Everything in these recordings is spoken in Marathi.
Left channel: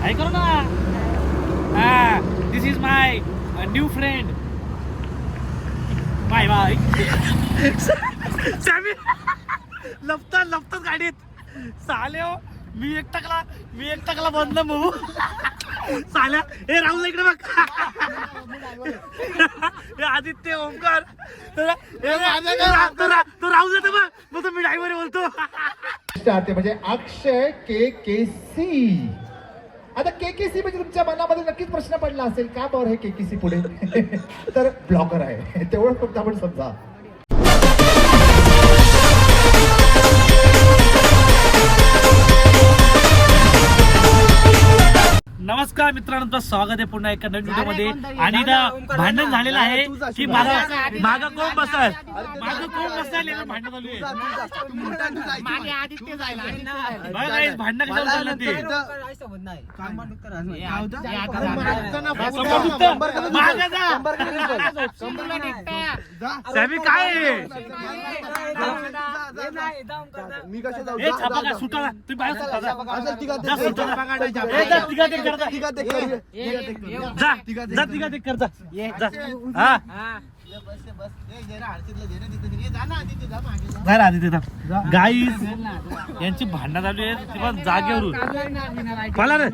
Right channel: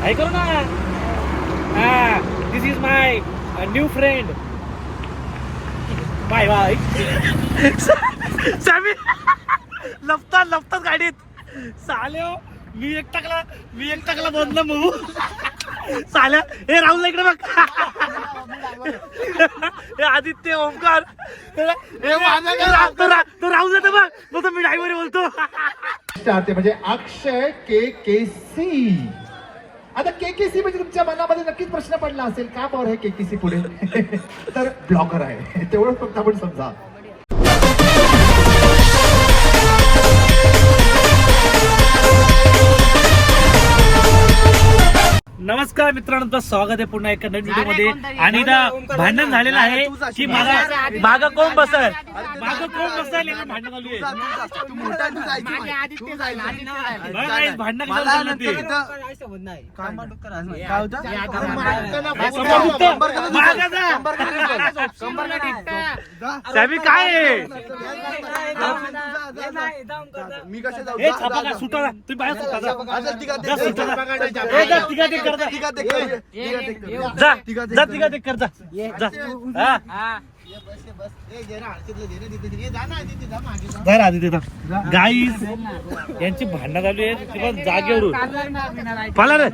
हाय करो ना. हा, this is my new friend. Bye bye. Sammy लपतात गाडीत. साले हो, मी एक टाकला बंद म्हणू. साल्या हे राहुल इकडे बघ. हे आदित्य ओमकार तो राहुल येतो बघ. मी ड्रायव्हर बोलतो. म्हणजे अक्षय केकेसी. आता केकेसी म्हणजे तुमच्या मनामध्ये नक्कीच प्रश्न पडला असेल का बरं हे केकेसी पुढे. तर ब्लॉगर आहे तेवढं फक्त आपण समजा. नमस्कार मित्रांनो, तुमचं स्वागत आहे पुन्हा एका नवीन व्हिडिओ मध्ये. आणि इथं भांडण झालेलं आहे की मागं कोण बसल भांडण चालू आहे. भांडण कशाला चाललं ते सॅमी काय आहे. हे छापा का सुटा तुम्ही बाहेर गाईस यांची भांडणं चालू आहे जागेवरून. मला ना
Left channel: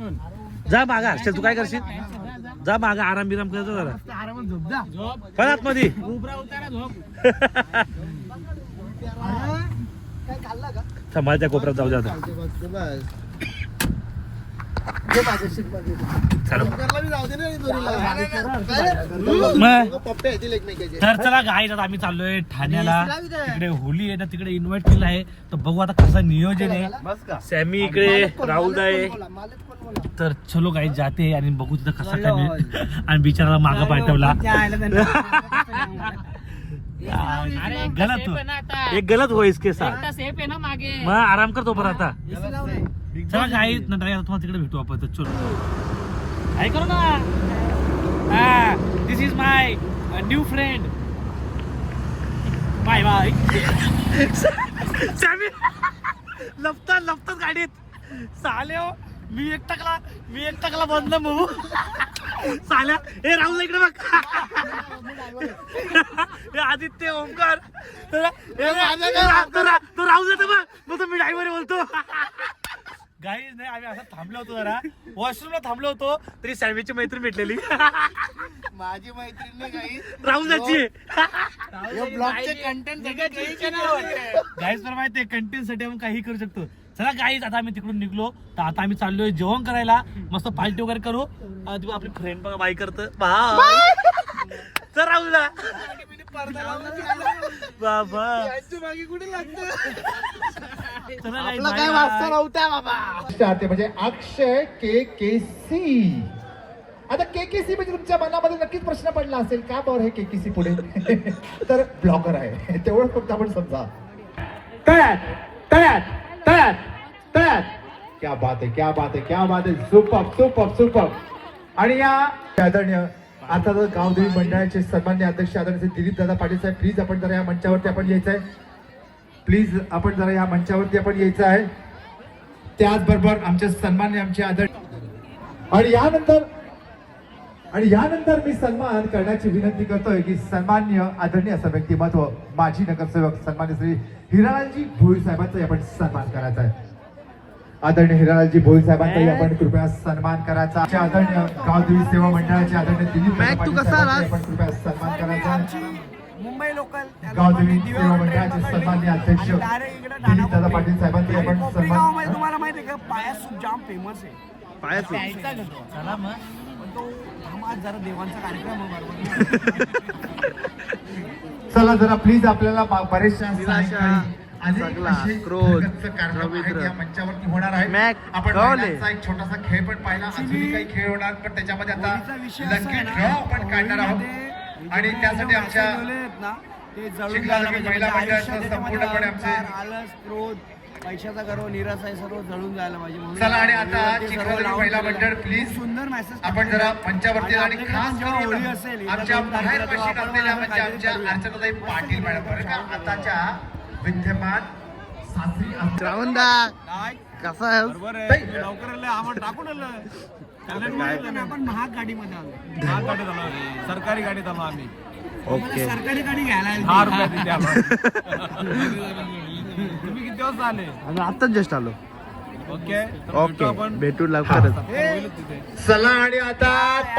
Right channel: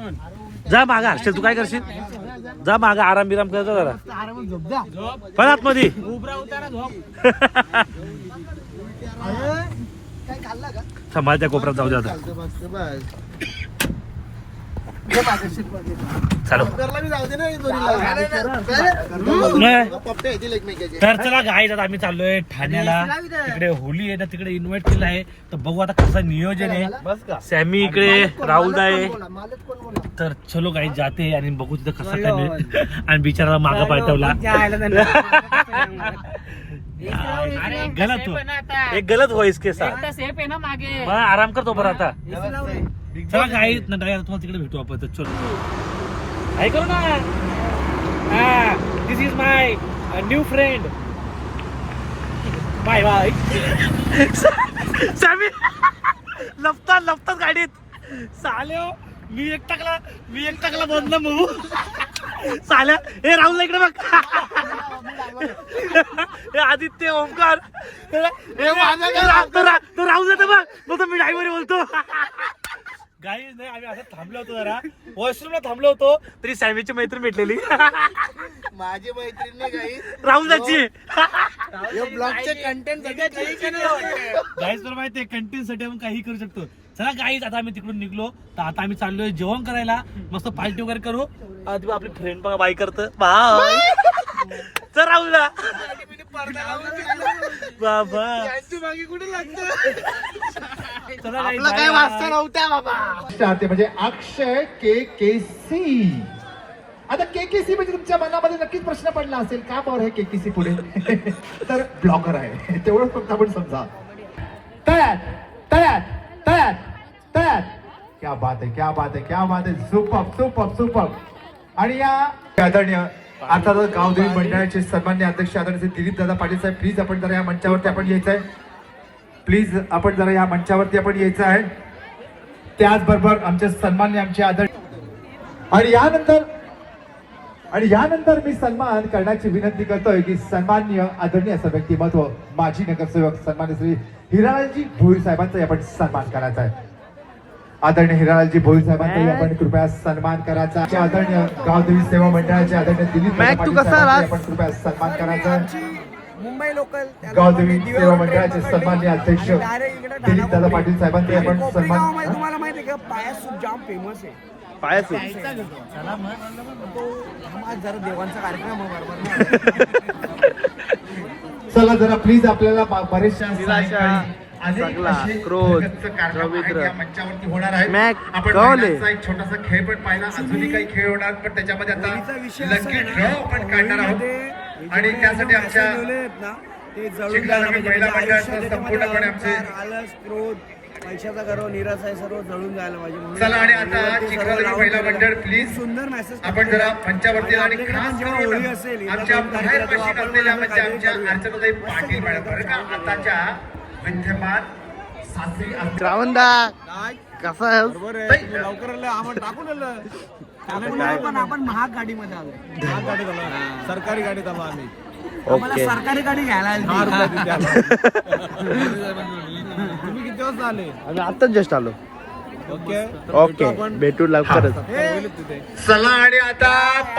जा मागा हर्षल, तू काय करशील जा मागा आराम बिराम करता जरा पळात मध्ये. समाजच्या कोपऱ्यात जाऊ दे आता. तर चला गाईज, आता आम्ही चाललोय ठाण्याला. तिकडे होली आहे ना, तिकडे इन्व्हाइट केलं आहे. तर बघू आता कसं नियोजन आहे. सॅमी इकडे, राहुल आहे. तर चलो गाईज जाते आणि बघू तिथं कसं काय. आणि बिचारा मागा पाठवला. गलत व्हॉइस के साथ मग आराम करतो बरं आता. चला काही तुम्हाला तिकडे भेटू आपण. तर चलो हाय करो ना. हा, this is my new friend. Bye bye. Sammy लपतात गाडीत. साले हो, मी एक टाकला बंद म्हणू. साल्या हे राहुल इकडे बघ. हे आदित्य ओमकार तो राहुल येतो बघ. मी ड्रायव्हर बोलतो. गाईज नाही, आम्ही असं थांबलो होतो जरा वॉशरूमला थांबलो होतो. तरी सॅमीची मैत्रीण भेटलेली. माझी मैत्रीण नाही काही राहुलची ब्लॉगचे कंटेंट गाईज तर माहिती आहे, कंटेंट साठी आपण काही करू शकतो. चला गाईज, आता आम्ही तिकडून निघलो. तर आता आम्ही चाललोय जेवण करायला. मस्त पार्टी वगैरे करू. आपली फ्रेंड बघा बाय करतं तर राहुलला बाबा मागे कुठे लागतं. चला गाईज काय वाजता नव्हत्या बाबा. म्हणजे अक्षय केकेसी. आता केकेसी म्हणजे तुमच्या मनामध्ये नक्कीच प्रश्न पडला असेल का बरं हे केकेसी पुढे. तर ब्लॉगर आहे तेवढं फक्त आपण समजा. क्या बात है. सुपर. आणि या आदरणीय अर्थातच गावदेवी मंडळाचे सन्मान्य अध्यक्ष आदरणीय दिलीप दादा पाटील साहेब, प्लीज आपण जरा या मंचावरती आपण यायचं आहे. प्लीज आपण जरा या मंचावरती आपण यायचं आहे. त्याचबरोबर आमचे सन्मान्य आमचे आणि यानंतर मी सन्मान करण्याची विनंती करतोय की सन्मान्य आदरणीय असं व्यक्तिमत्व माजी नगरसेवक सन्मान्य श्री हिरालालजी भोईर साहेबांचा आपण सन्मान करायचा आहे. आदरणीय हिरालालजी भोईर साहेबांचा आपण कृपया सन्मान करायचा. आदरणीय गावदेवी सेवा मंडळाचे आदरणीय दिलीप आपण कृपया सन्मान करायचा. मुंबई लोकल गावदेवी सेवा मंडळाचे सन्मान्य अध्यक्ष दिलीप दादा पाटील साहेबांचे आपण सन्मान. तुम्हाला माहिती आहे का, पायास सूप जाम फेमस आहे. पायास तो आज जरा देवांचा कार्यक्रम आहे बरोबर. चला जरा प्लीज, आपल्याला बरेचशा क्रोध मंचावरती होणार आहे. आपण एक छोटासा खेळ पण पाहिला. अजूनही काही खेळ होणार, पण त्याच्यामध्ये आता लकी ड्रॉ आपण काढणार आहोत. आणि त्यासाठी आमच्या महिला मंडळाचं संपूर्णपणे आमचे क्रोध, पैशाचा गर्व, निराश आहे, सर्व जळून जायला पाहिजे. चला आणि आता चिखलादेवी महिला मंडळ प्लीज सुंदर मेसेज आपण जरा मंचावरती. आणि खास होळी असेल आमच्या बाहेर बशीत असलेल्या म्हणजे आमच्या अर्चनाताई पाटील मॅडम बरं का, आताच्या विद्यमान सासरी श्रावणदा कसा आहे बरोबर आहे तुम्ही लवकर आले आम्हाला टाकून आलं पण आपण महाग गाडीमध्ये आलोय महाग गाडीत आलो सरकारी गाडीत आलो आम्ही आम्हाला ओके सरकारी गाडी घ्यायला आली. 10 रुपये देते आम्हाला. तुम्ही किती वाजता आले आम्ही आताच जस्ट आलो ओके ओके भेटू लवकरच होईल तिथे चला आणि आता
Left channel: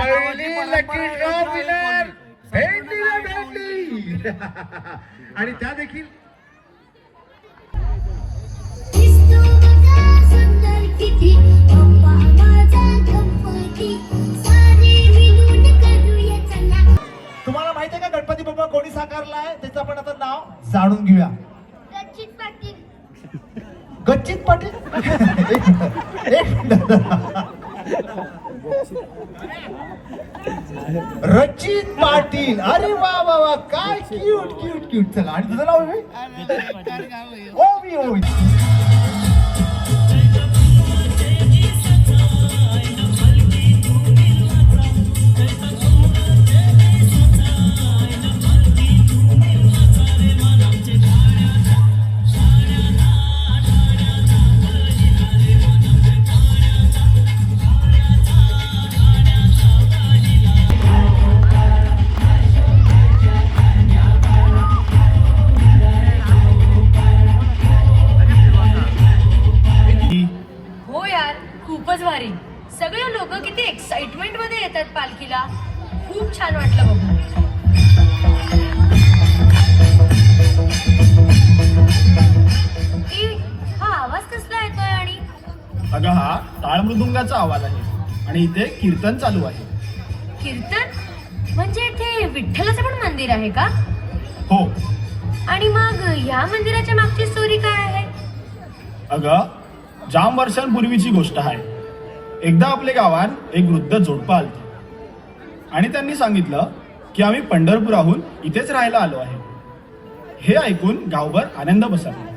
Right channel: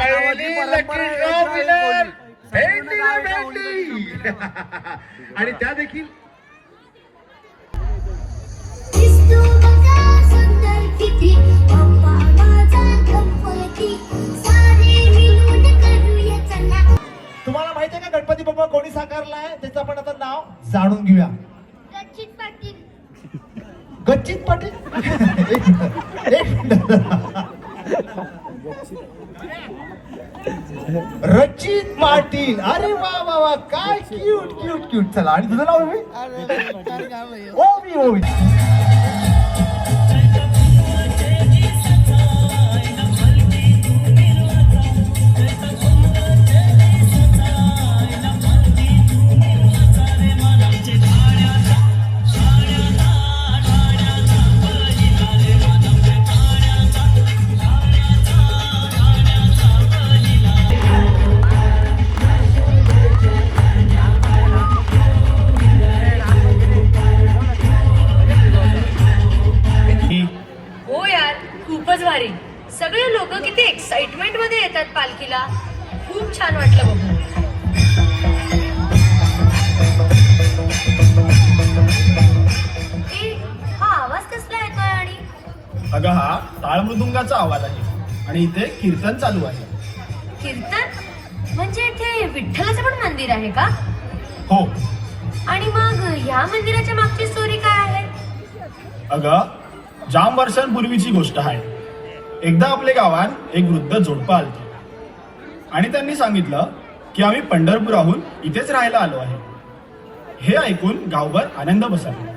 गावाची परंपरा आहे, संपूर्ण गाव एका होळीसाठी जमलेलं आहे. आणि त्या देखील दिसतो बघा सुंदर किती अम्मा माझा गणपती सारे मिळून करूया चला. तुम्हाला माहिती आहे का गणपती बाप्पा कोणी साकारलाय त्याचं आपण आता नाव जाणून घेऊया. रचित पाटील गच्चित पाटील एक मिनिट. रचित पाटील अरे वा वा वा काय क्यूट क्यूट क्यूट. चला आणि तुझं नाव आहे ओवी ओवी. हो यार खूपच भारी. सगळे लोक किती एक्साइटमेंट मध्ये येतात पालखीला. खूप छान वाटलं बघून. हा आवाज कसला येतोय आणि अगं हा टाळमृदुंगाचा आवाज आहे आणि इथे कीर्तन चालू आहे. कीर्तन म्हणजे इथे विठ्ठलाचं पण मंदिर आहे का? हो आणि मग ह्या मंदिराच्या मागची स्टोरी काय आहे? अगं जाम वर्षांपूर्वीची गोष्ट आहे. एकदा आपल्या गावात एक वृद्ध जोडपं आलती आणि त्यांनी सांगितलं की आम्ही पंढरपुराहून इथेच राहायला आलो आहे. हे ऐकून गावभर आनंद बसरला.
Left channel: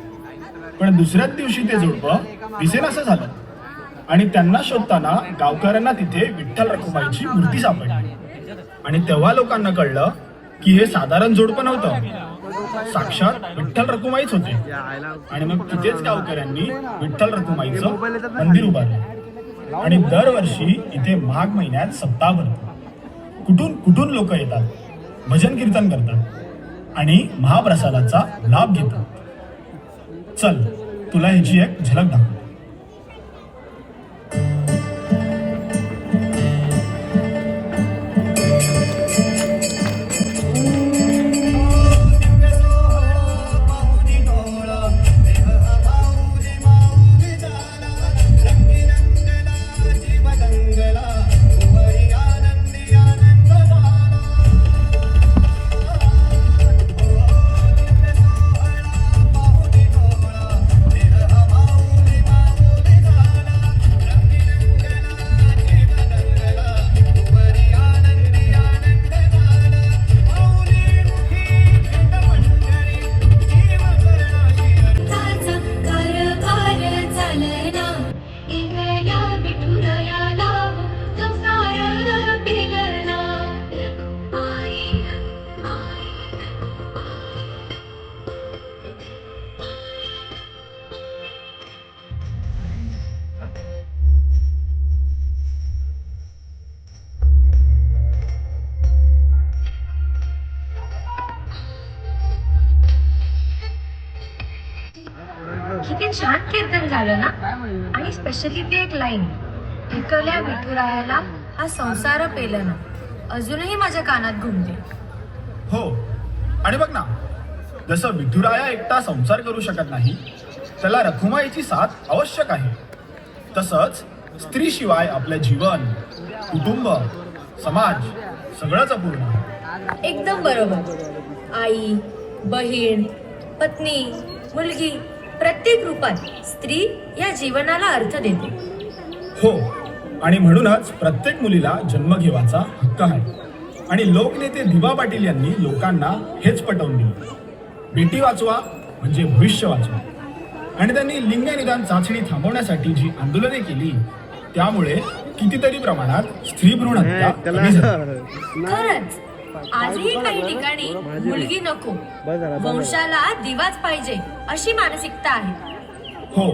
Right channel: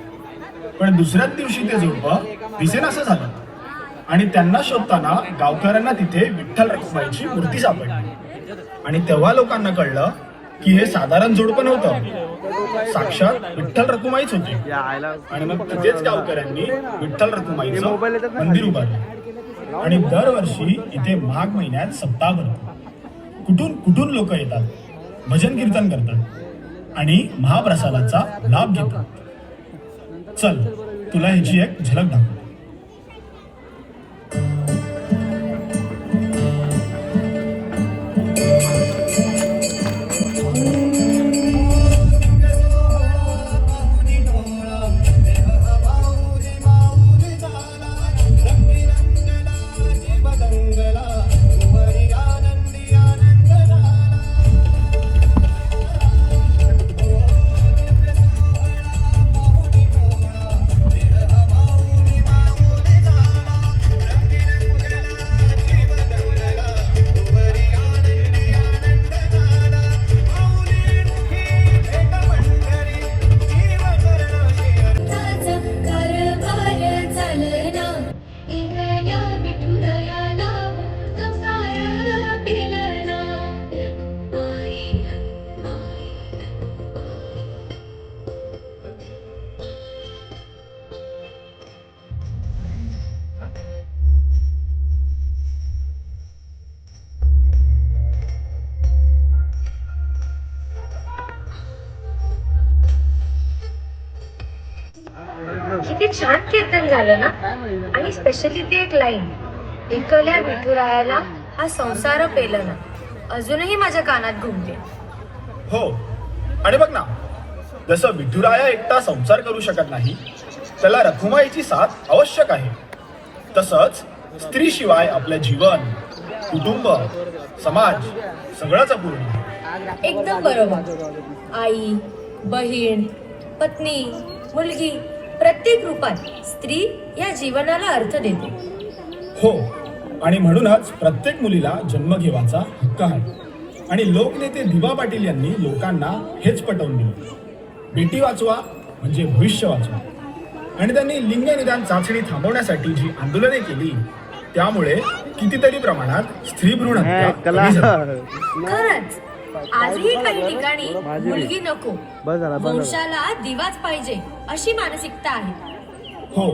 पण दुसऱ्याच दिवशी ते जोडपं दिसेनासं झालं आणि त्यांना शोधताना गावकऱ्यांना तिथे विठ्ठल रखुमाईची मूर्ती सापडली. आणि तेव्हा लोकांना कळलं की हे साधारण जोडपं नव्हतं, साक्षात विठ्ठल रखुमाईच होती. आणि मग तिथेच गावकऱ्यांनी विठ्ठल रखुमाईचं मंदिर उभारलं आणि दरवर्षी इथे माघ महिन्यात सप्ताह भरतो. कुठून कुठून लोक येतात, भजन कीर्तन करतात आणि महाप्रसादाचा लाभ घेतात. चल तुला ह्याची एक झलक दाखव. किती छान कीर्तन झालं ना. आणि स्पेशली ती एक लाईन, एकल्या विठुरायाला हा संसार पेलं ना, अजूनही माझ्या कानात घुमते. हो आणि बघ ना, जसं विठुराया एकटा संसार करू शकत नाही, त्याला रखुमाईची साथ आवश्यक आहे. तसंच स्त्रीशिवाय आपलं जीवन, कुटुंब, समाज सगळंच अपूर्ण आहे. एकदम बरोबर. आई, बहीण, पत्नी, मुलगी, प्रत्येक रूपात स्त्री या जीवनाला अर्थ देते. हो आणि म्हणूनच प्रत्येक मुलीला जन्म घेवायचा हक्क आहे. आणि लोकनेते दिवा पाटील यांनी लोकांना हेच पटवून दिले. बेटी वाचवा म्हणजे भविष्य वाचवा. आणि त्यांनी लिंग निदान चाचणी थांबवण्यासाठी जी आंदोलने केली त्यामुळे कितीतरी प्रमाणात स्त्री भ्रूण हत्या कमी झाली. खरंच आजही काही ठिकाणी मुलगी नको, वंशाला दिवाच पाहिजे अशी मानसिकता आहे. हो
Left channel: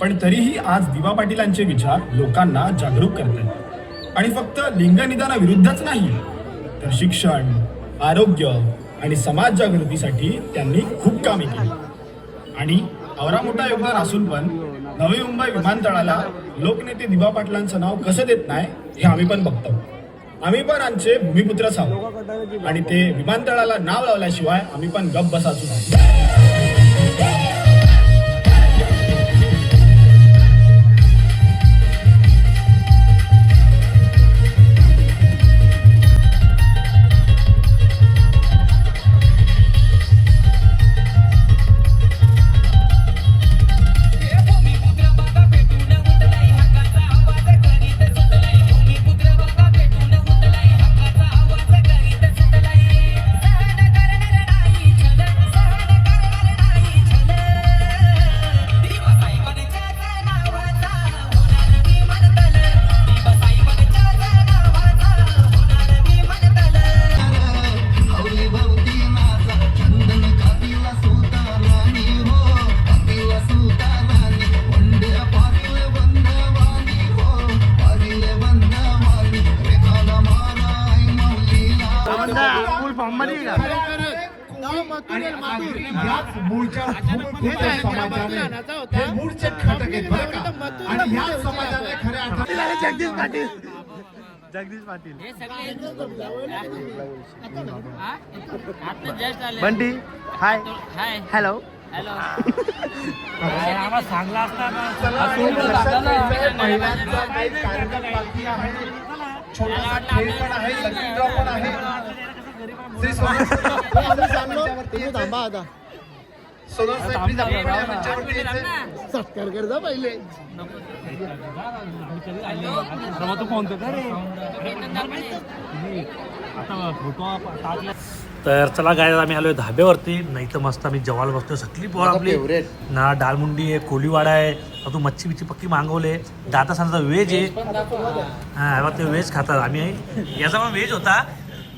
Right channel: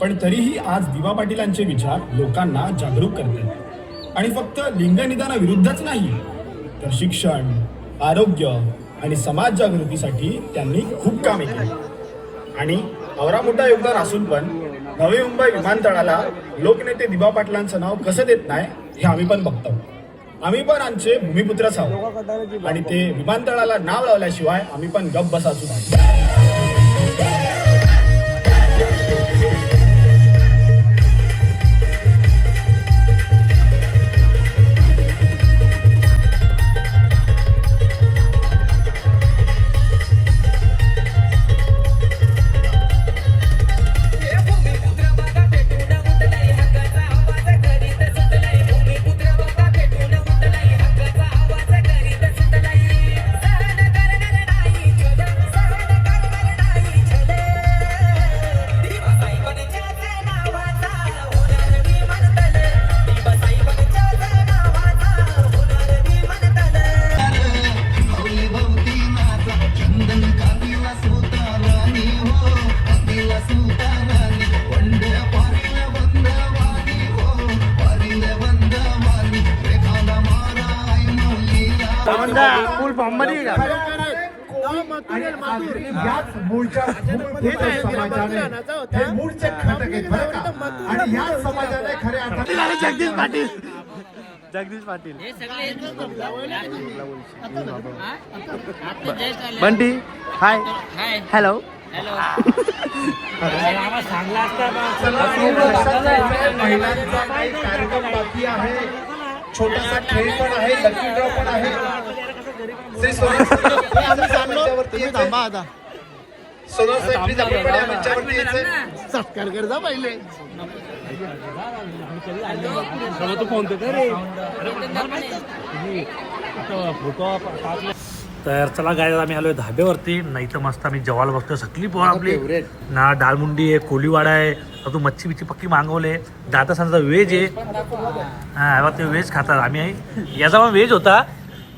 पण तरीही आज दिवा पाटीलांचे विचार लोकांना जागरूक करतात आणि फक्त लिंगनिदानाविरुद्धच नाही तर शिक्षण, आरोग्य आणि समाज जागृतीसाठी त्यांनी खूप कामे केली. आणि आवरा मोठा योगदान असून पण नवी मुंबई विमानतळाला लोकनेते दिवा पाटलांचं नाव कसं देत नाही हे आम्ही पण बघतो. आम्ही पण आमचे भूमिपुत्रच आहोत आणि ते विमानतळाला नाव लावल्याशिवाय आम्ही पण गप्प बसायचो नाही. फुल फॉर्म मध्ये का? आणि याच मूळच्या भूमिपुत्र समाजाने हे मूळचे घटक आहेत बरं का. आणि या समाजाने खऱ्या अर्थाने जगदीश पाटील बंटी हाय हॅलो आम्हाला सांगला छोटासा खेळ पण आहे, लकी ड्रॉ पण आहे. श्री सोनल मंचावरती यायचंय. सोनल साहेब प्लीज आपल्याकडे या मंचावरती यायचंय. तर चला गाय आम्ही आलोय धाब्यावरती. नाही तर मस्त आम्ही जेवायला बसतो. सगळी पोळ आपली ना डाळमुंडी आहे, कोलीवाडा आहे, अजून मच्छी बिच्छी पक्की मागवले. दादा सांगता व्हेज आहे. हा ते व्हेज खातात. आम्ही याचा पण व्हेज होता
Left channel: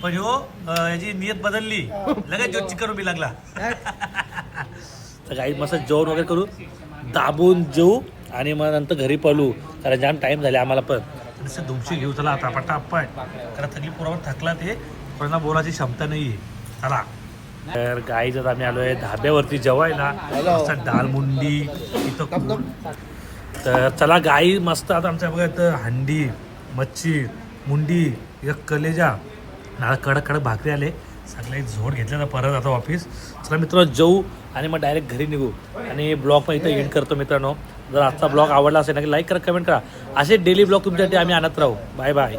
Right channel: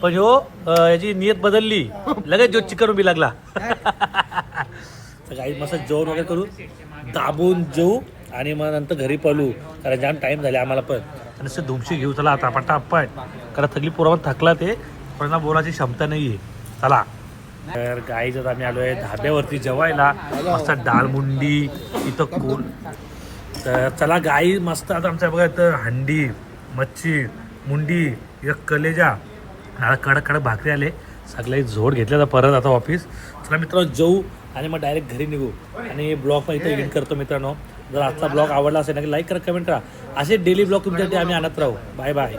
पण ह्यो याची नियत बदलली, लगेच जो चिकन उभी लागला. तर काही मस्त जेवण वगैरे करू, दाबून जेऊ आणि मग नंतर घरी पळू. कारण जाम टाईम झाले आम्हाला पण. नुसते धुमशी घेऊ चला आता पटापट. कारण सगळी पोरावर थकला ते, कोणाला बोलायची क्षमता नाही आहे. चला तर गाईच आम्ही आलोय धाब्यावरती जेवायला. मस्त डाळमुंडी इथं कोण. तर चला गाई मस्त आता आमच्या बघा इथं हंडी, मच्छी, मुंडी, एक कलेजा, कडक कडक भाकरी आले. सगळे झोड घेतले तर परत आता ऑफिस. चला मित्रांनो जेवू आणि मग डायरेक्ट घरी निघू. आणि ब्लॉग पण इथं एंड करतो मित्रांनो. जर आजचा ब्लॉग आवडला असेल ना की लाईक करा, कमेंट करा. असे डेली ब्लॉग तुमच्यासाठी आम्ही आणत राहू. Bye bye.